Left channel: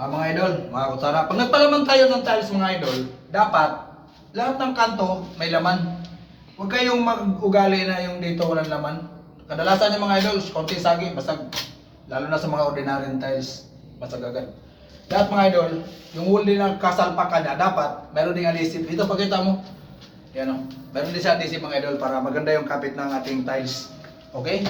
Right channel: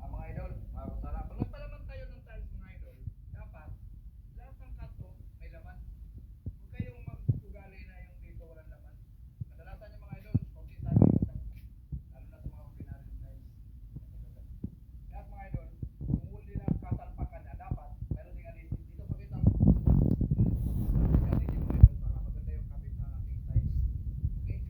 Mga idol, mga kutsara, pag nagpalaman tayo ng tiles mga idol, dapat lahat ng kanto may laman. Huwag kayong mag-ugali na yung dito walang laman. Kadalasan yung mga idol, konti sagi, basag. Lalo na sa mga ordinary tiles, basag agad. Lahat mga idol, yung wool din ng kasalpakan na dapat, meron ding adhesive. Dito pakita mo. Yan o. Meron din siya adhesive mga idol para maganda yung kapit ng ating tiles. Okay?